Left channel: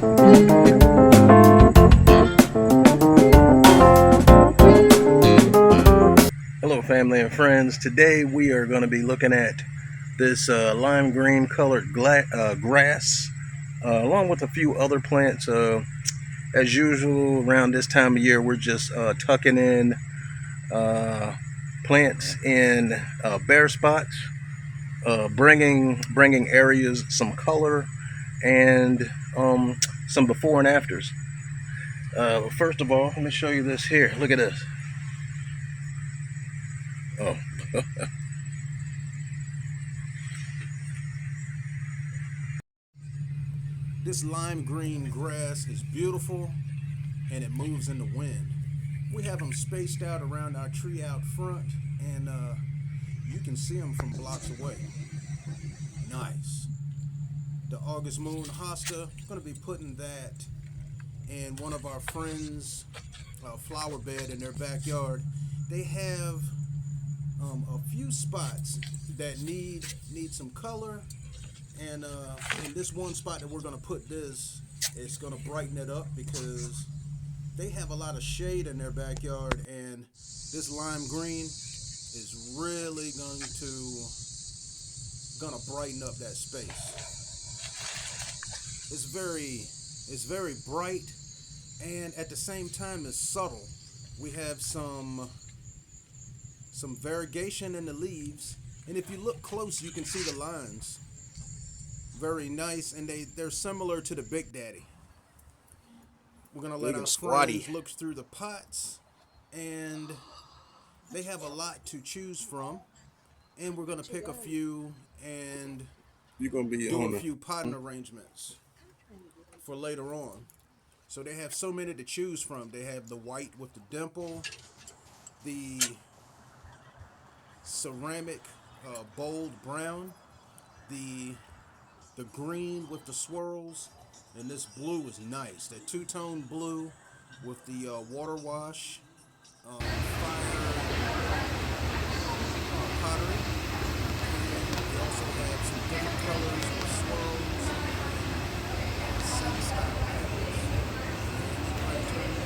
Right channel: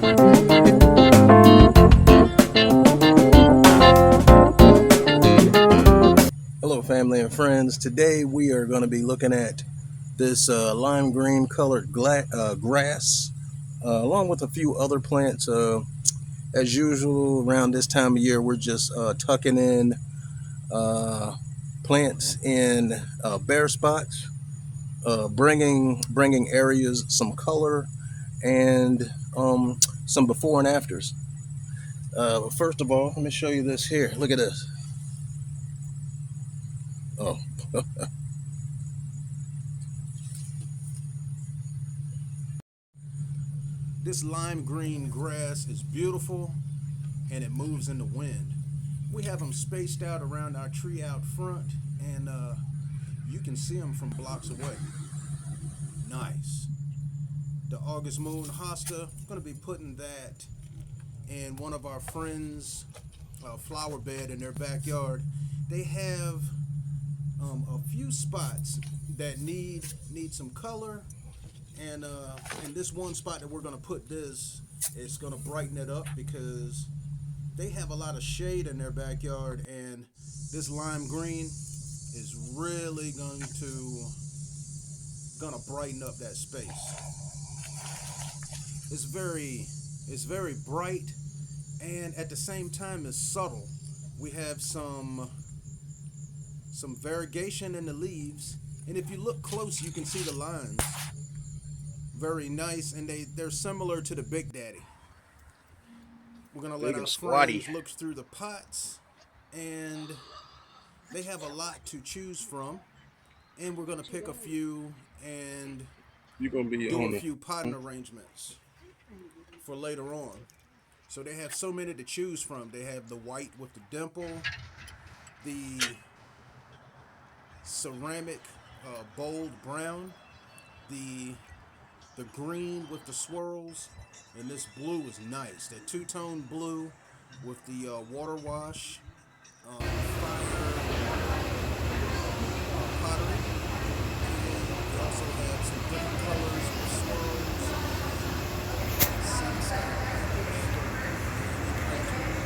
Hello, family and friends. Today we are going to be looking at this lime green colored grass, along with a few other plants. As usual, around this time of year, we're just tucking in plants in bare spots, bringing areas some color and some before and afters. First of all, let me show you this here. Look at this. Oh. This lime green grass is beautiful and it moves in the wind. We have them spaced out around our tree out front, and you can see them from blocks away. Nice. The August moon hosta, going to be putting that in one of our friends' flower bed in their backyard. They have a few spots that need some color, and in this one spot that we're going to put this, it's going to brighten it up because they have a lot of shade in their backyard, and this lime green is really gonna brighten up that space. It's very bright, and at the same time it's subtle. We have some variegation in the leaves, and if you look close you can see the lines. Very nice, and they're similar to the Big Daddy. We're gonna let our friends look through the pots, and they have a lot to choose from, and we're gonna pick a few and You're gonna be do on a the few potting arrangements for later on. So they have so many to choose from. They have the white with the dimple, the ceramic bold brown, the green with the swirls, and this blue is nice. That two-tone blue with the water wash, fire pottery, and we also have some different colors with swirls, sun-style patterns, candy lanterns,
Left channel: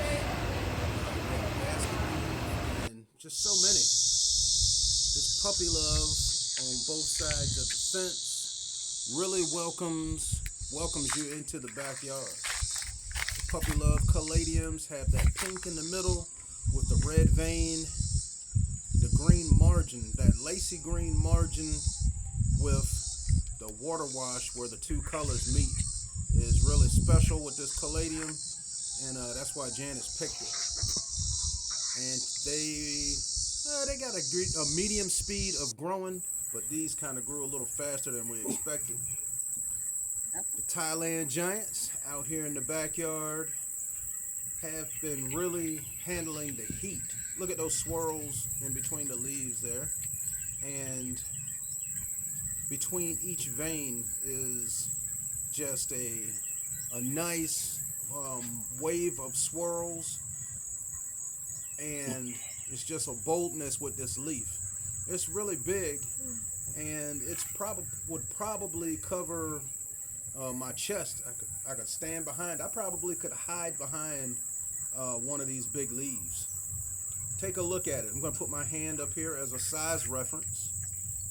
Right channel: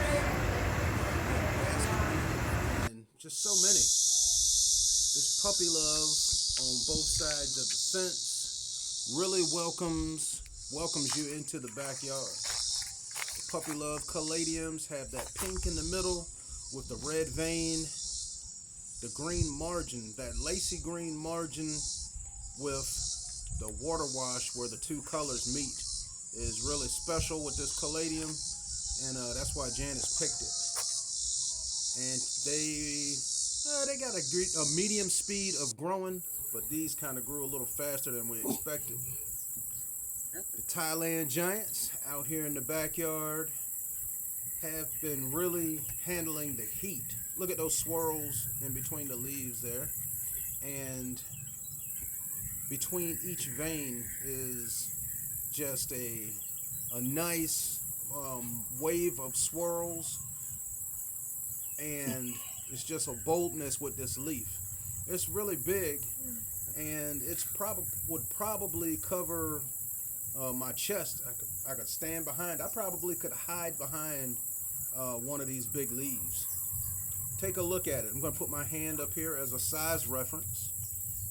we have basket weave, and just so many. This puppy love on both sides of the fence really welcomes you into the backyard. The puppy love caladiums have that pink in the middle with the red vein, the green margin, that lacy green margin with the water wash where the two colors meet is really special with this caladium, and that's why Janice picked it. And they got a medium speed of growing, but these kind of grew a little faster than we expected. The Thailand giants out here in the backyard have been really handling the heat. Look at those swirls in between the leaves there, and between each vein is just a nice wave of swirls, and it's just a boldness with this leaf. It's really big, and would probably cover my chest. I could stand behind. I probably could hide behind one of these big leaves. Take a look at it. I'm going to put my hand up here as a size reference,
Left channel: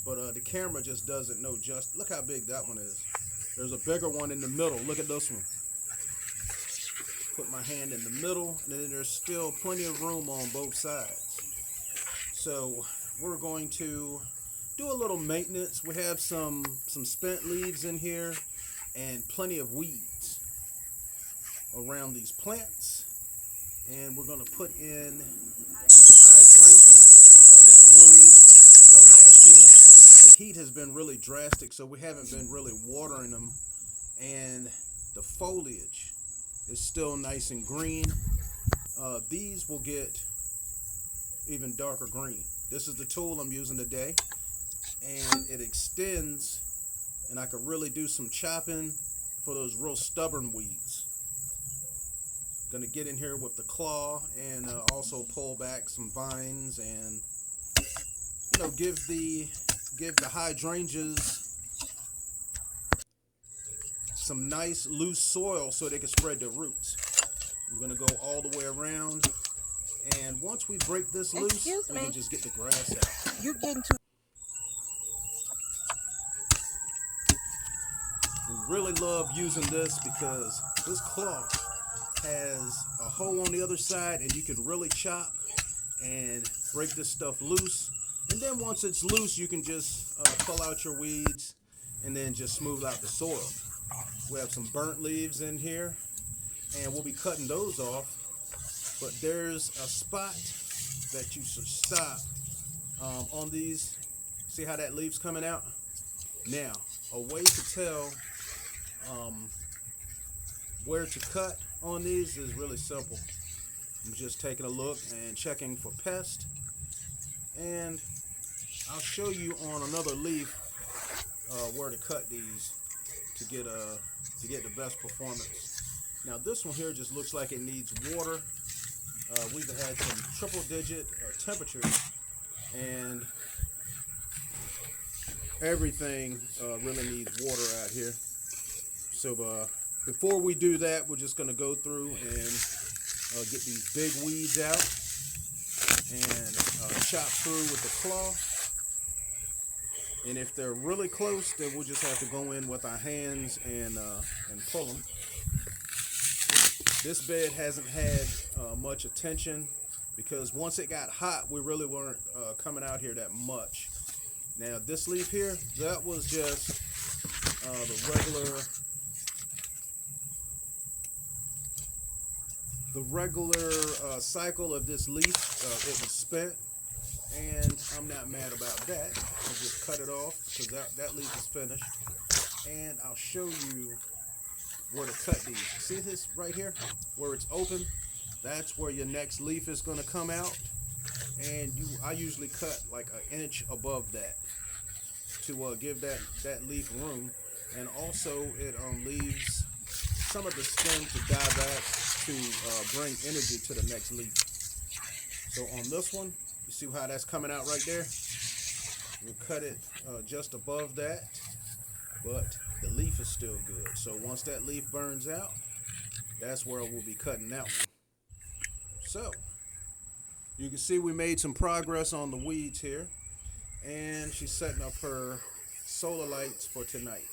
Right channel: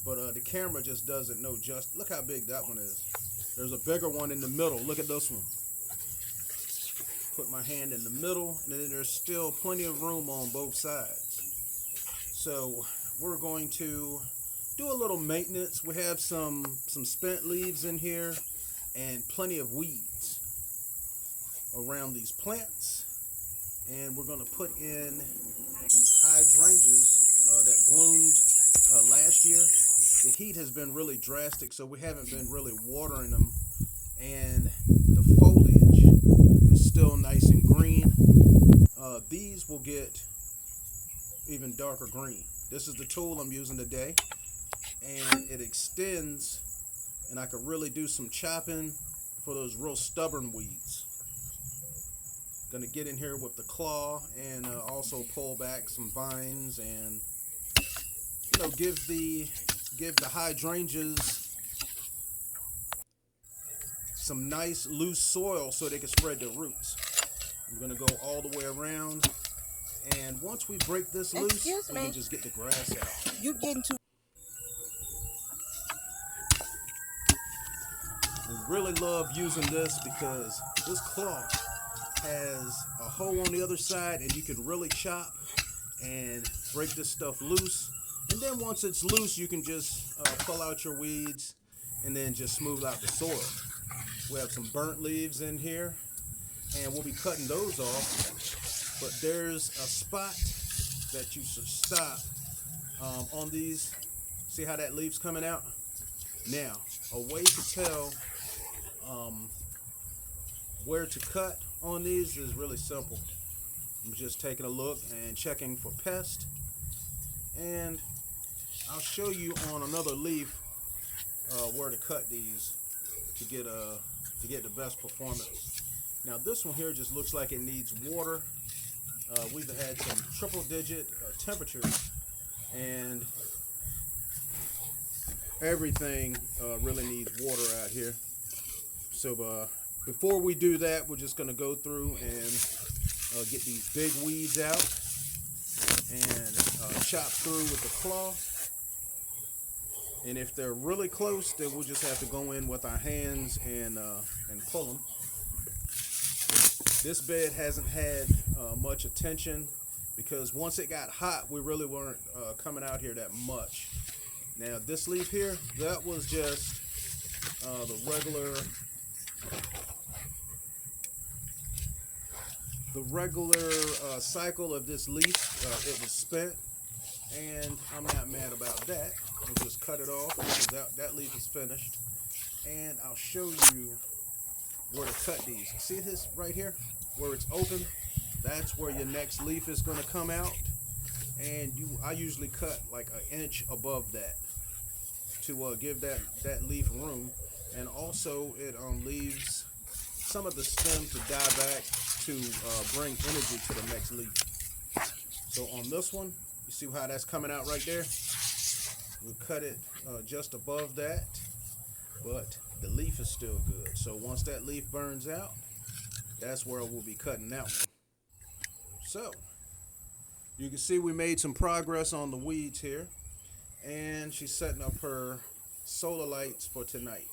but the camera just doesn't know just. Look how big that one is. There's a bigger one in the middle. Look at this one. Put my hand in the middle, and then there's still plenty of room on both sides. So we're going to do a little maintenance. We have some spent leaves in here and plenty of weeds around these plants, and we're going to put in these hydrangeas that bloomed last year. The heat has been really drastic, so we haven't been really watering them, and the foliage is still nice and green. These will get even darker green. This is the tool I'm using today, and it extends, and I could really do some chopping for those real stubborn weeds. Gonna get in here with the claw and also pull back some vines, and give the hydrangeas some nice loose soil so they can spread their roots. We're going to go all the way around, and once we break this loose, we can just get the grass out. You getting too. We really love using this because this cloth has a hole on the other side, and you can really chop and break this stuff loose. And then once it's loose, you can just pull out your weeds and then just smooth out the soil. We have some burnt leaves in here, and we'll be cutting those off. But there's a spot that you should stop on these. See how that leaf's coming out? Now, a way to tell where to cut on these is really simple. I'm just taking a look and checking for pests, and I'll show you on another leaf where to cut these to get the best performance. Now this one here just looks like it needs water. We've had some triple-digit temperatures, and everything really needs water out here. So before we do that, we're just going to go through and get these big weeds out and chop through with the claw. And if they're really close, then we'll just have to go in with our hands and pull them. This bed hasn't had much attention because once it got hot, we really weren't coming out here that much. Now this leaf here, that was just the regular cycle of this leaf. It was spent, and I'm not mad about that. We'll just cut it off because that leaf is finished. And I'll show you where to cut these. See this right here where it's open? That's where your next leaf is going to come out. And I usually cut like an inch above that to give that leaf room. And also it leaves some of the stem to die back to bring energy to the next leaf. So on this one, you see how that's coming out right there? We'll cut it just above that, but the leaf is still good. So once that leaf burns out, that's where we'll be cutting that one. So you can see we made some progress on the weeds here, and she's setting up her solar lights for tonight.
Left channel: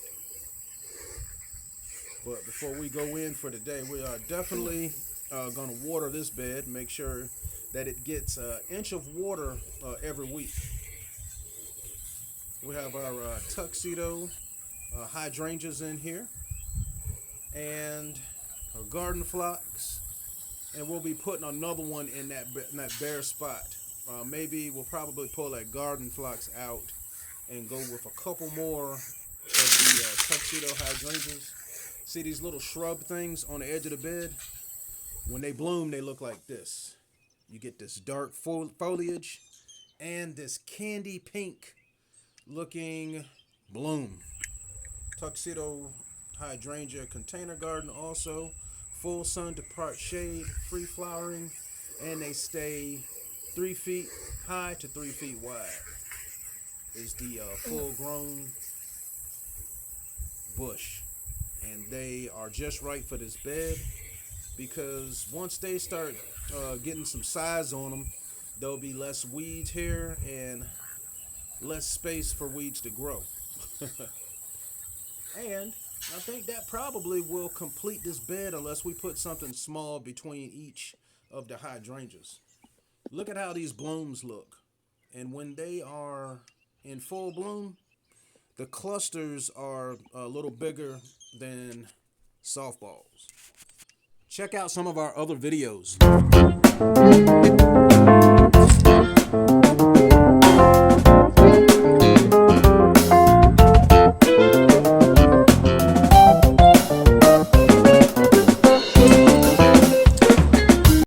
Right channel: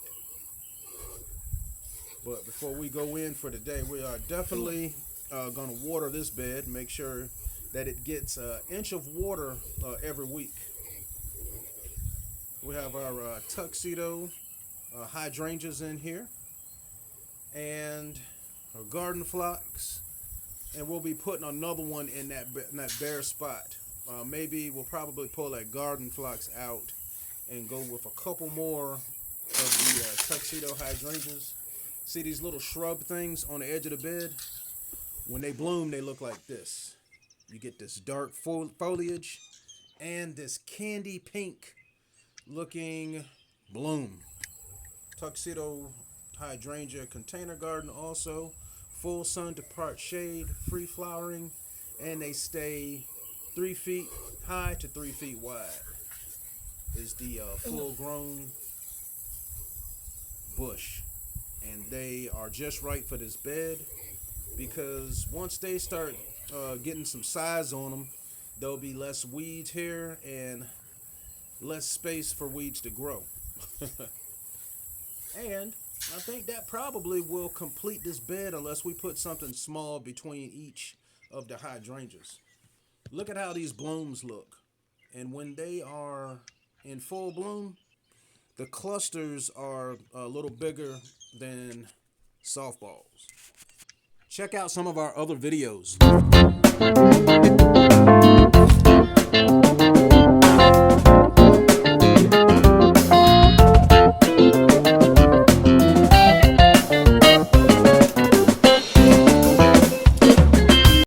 But before we go in for today, we are definitely going to water this bed, make sure that it gets an inch of water every week. We have our Tuxedo Hydrangeas in here, and our garden phlox, and we'll be putting another one in that bare spot. Maybe we'll probably pull that garden phlox out and go with a couple more of the Tuxedo Hydrangeas. See these little shrub things on the edge of the bed? When they bloom, they look like this. You get this dark foliage and this candy pink looking bloom. Tuxedo Hydrangea container garden also. Full sun to part shade, free flowering, and they stay 3 feet high to 3 feet wide. Is the full grown bush. And they are just right for this bed because once they start getting some size on them, there'll be less weeds here and less space for weeds to grow. And I think that probably will complete this bed unless we put something small between each of the hydrangeas. Look at how these blooms look. And when they are in full bloom, the clusters are a little bigger than softballs. Check out some of our other videos.